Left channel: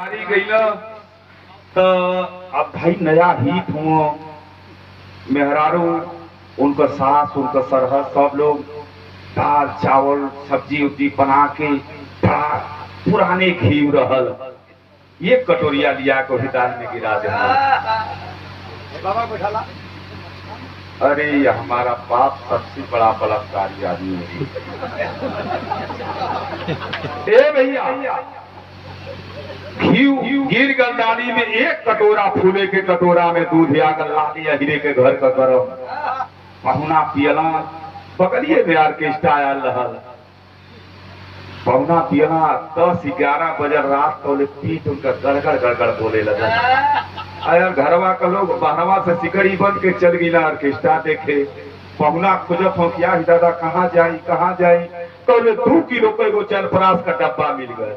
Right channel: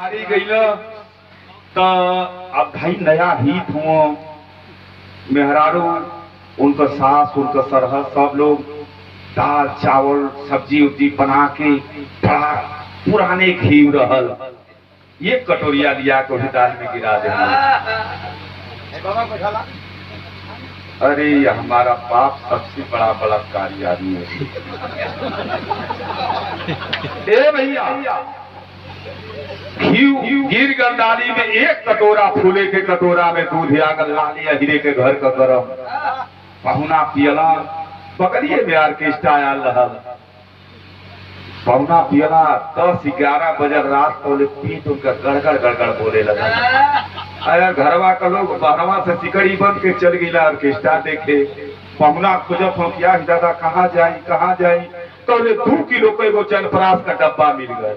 हारी गईला तो अब भाई नया हित हुआ मेहरारू उनका सास उनका सरहद सब लोग दाल चावल सब्जी उब्जी बना के बड़ा पुराने घी रहल ये कटोरिया लिया को दाल में गिरा दे। अरे हमारा बाप सबसे बड़ा बलात्कारी आदमी है। ए भैया गिर गंडाली में एक कटोरा फूले के कटोरा में दूध आकर लाली अहिरे के घर का गरम पहुना पियला बकरिए में ऑर्केस्ट्रा आयल रहल पहुना पियला 10-11 बजे रात को पीठ उनका गड़गड़ गड़गड़ बोले लगा। आया घरवा का लोग बहरवा से सिकड़ी बंद के चल गई ऑर्केस्ट्रा देखे। पहुना खोजत हो क्या दादा कहाँ जाई तो 2 किलो के वो चनपरास का डब्बा मिल गया।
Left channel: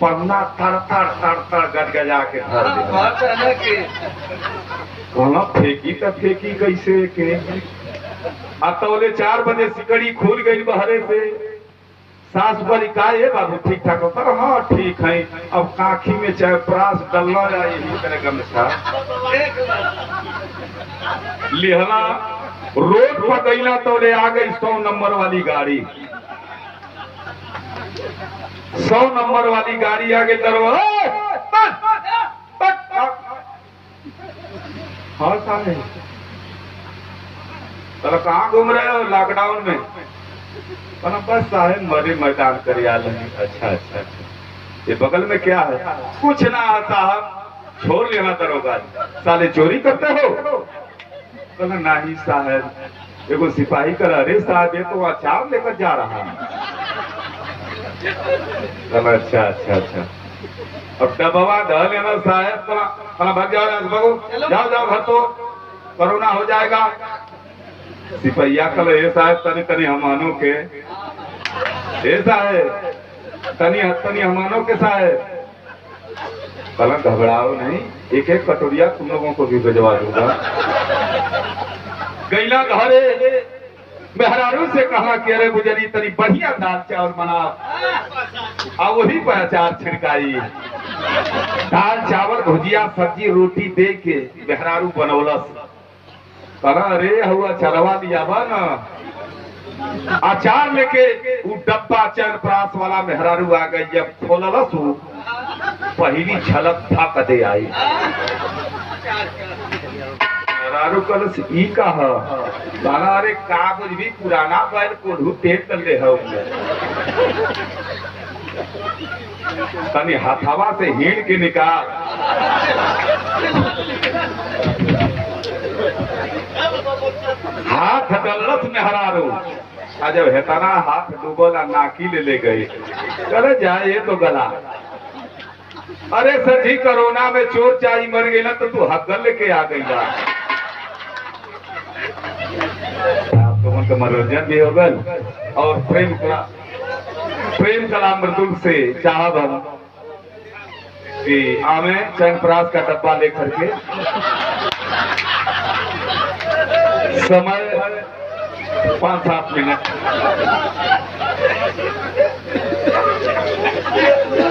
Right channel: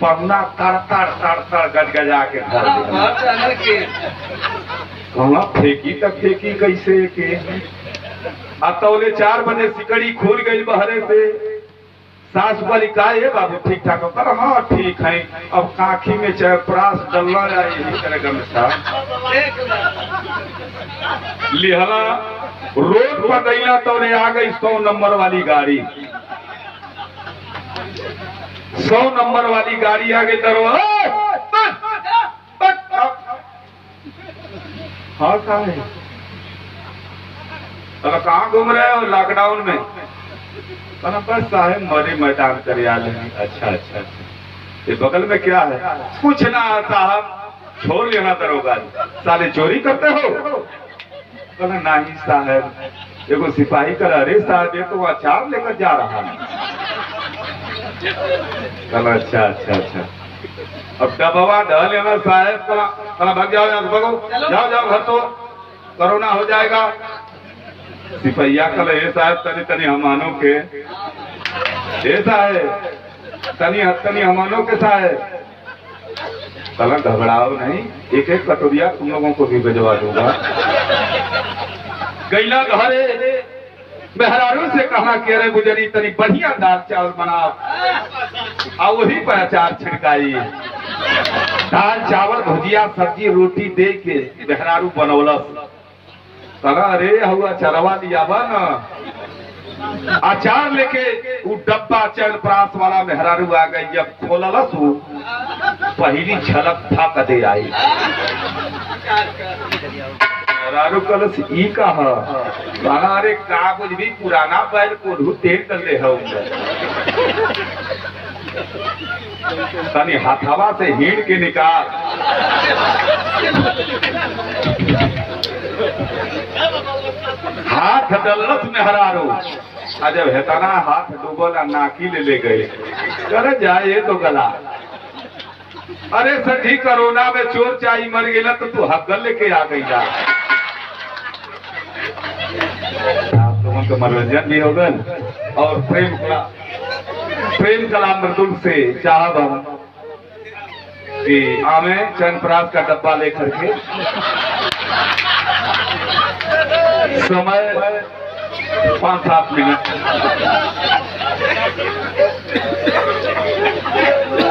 पन्ना तड़ गजगजा के कहना फेंकी तक फेंकी कैसे के तौले 4 बजे सिकड़ी खुल गई बहरे से। सास वाली का है बाबू ठीक ठाक कर हाँ ठीक है अब काखी में चाहे प्रास डलना लिहला रोड पर गईला तौले आ गई 100 नंबर वाली गाड़ी। 100 नंबर वाली गाड़ी आ गई हाँ साहब कहाँ घूम रहे हो लॉकडाउन में? बस साहब मरे मैदान कर अच्छा ये बगल में क्या है? कुछ ना साहब छोड़ लेना दरोगा साले चोरी करते हो? नहीं साहब एगो सिपाही कर अरे साहब ये तो अचार लेकर जा रहा है। अच्छा अब दबवा ढह लेना साहब भाग जाओ जाओ घर तो कोरोना हो जाएगा। सिपहिया कल ये साहब तनी हमानों के तनी हमानों के साहब कल घबराओ नहीं एक कटोरिया तुम लोगों को भी भिजवा दूंगा। गैला घरे मेहरारू से कहा कि अरे गुजरी तनी बढ़िया दाल चावल बनाओ और वही पर अचार छिड़काई। दाल चावल भुजिया सब्जी रोटी दे के मेहरारू बनौलस। कहा अरे हुआ चरवा लिया बा ना अचार लेके वो डब्बा चनपरास वाला मेहरारू आ गई। जब खोललस पहली झलक था कदे आई मेहरारू कलस ई कहा अरे कागज भी पुराना बैल को तेल ले तनी हाथावा से हीड़ के निकाल। हाथ डलस मेहरारू जब हेताना हाथ डूबला नाकी ले गए करे जाए तो गला। अरे सर जी कोरोना में चोर चाई मर गई ना तो तू हगल लेके आ गई यार। तो मनोरंजन भी हो गल और प्रेम कला मृदुल से चाहब कि आमे चनपरास का डब्बा लेकर के समय 5-7 मिनट